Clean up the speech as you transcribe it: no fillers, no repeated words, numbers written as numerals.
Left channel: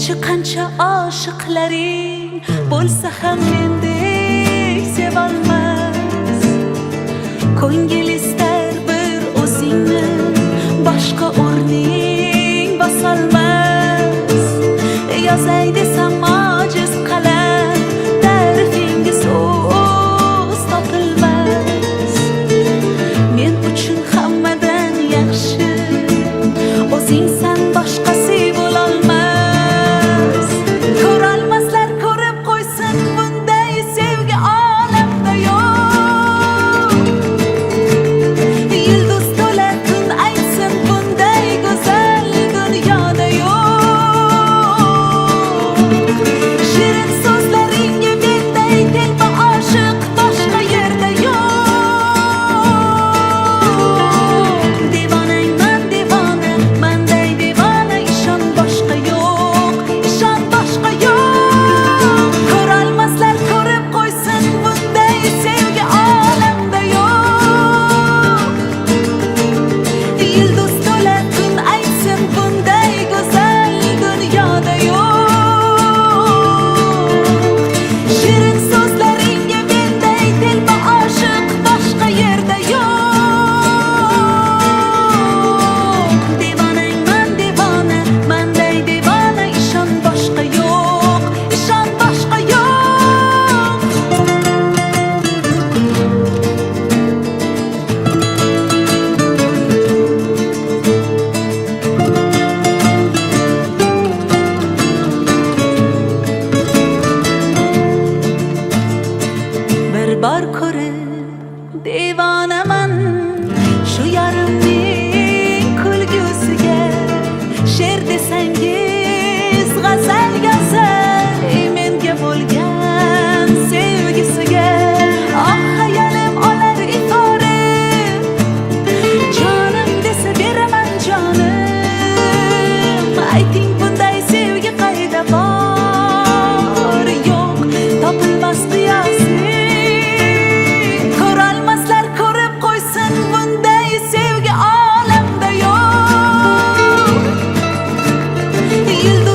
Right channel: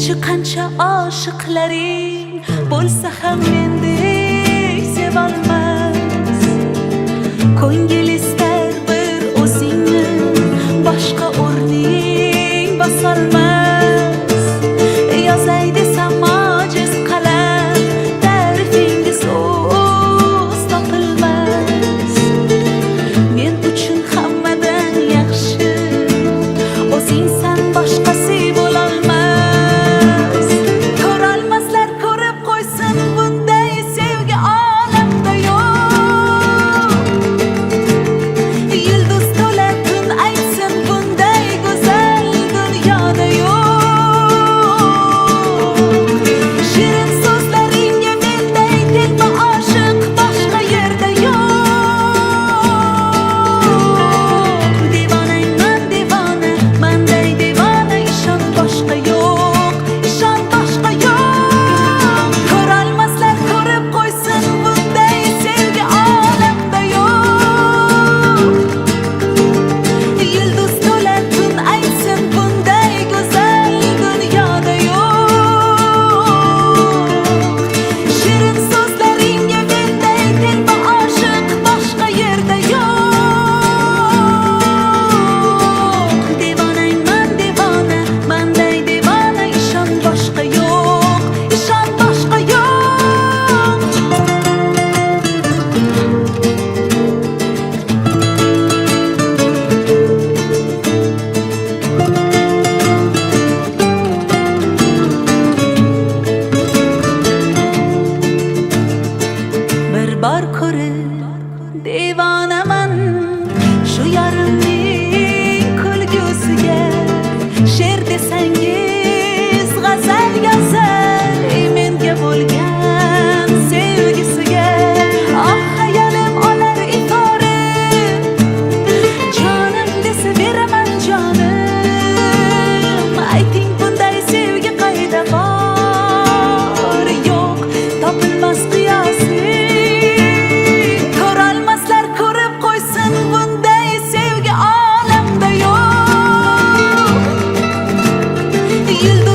Qancha qancha oshiqlaring bo'lsa ham mendek sevolmas. Ko'ngil istar bir o'zingni, boshqa o'rning bosolmas. Yozay desam ojiz qalam, ta'rifingiz so'z topilmas. Men uchun hammadan yaxshi o'zingsan, boshqasi bo'lolmas. Ko'rolmaslar ko'rib qo'ysin, bunday sevgi olamda yo'q. Yulduz to'la tun aytsin, bunday go'zal dunyoda yo'q. Shirin so'zlaringga menday telba oshiq boshqa yerda yo'q. Devonangman devona, manday devona, ishon boshqa yo'q, ishon boshqa yo'q. Ko'rolmaslar ko'rib qo'ysin, bunday sevgi olamda yo'q. Yulduz to'la tun aytsin, bunday go'zal dunyoda yo'q. Shirin so'zlaringga menday telba oshiq boshqa yerda yo'q. Devonangman devona, manday devona, ishon boshqa yo'q, ishon boshqa yo'q. Bir bor ko'rib devonaman shu yarimning kulgusiga. She'r desangiz g'azal yozay menga bo'lgan sevgisiga. Oh hayolim olar ifora, jonim desa beraman jonim. Ayting bunday sevgi qayda bor? Yo'q, topilmas qiyosi. Ko'rolmaslar ko'rib qo'ysin, bunday sevgi olamda yo'q. Yulduz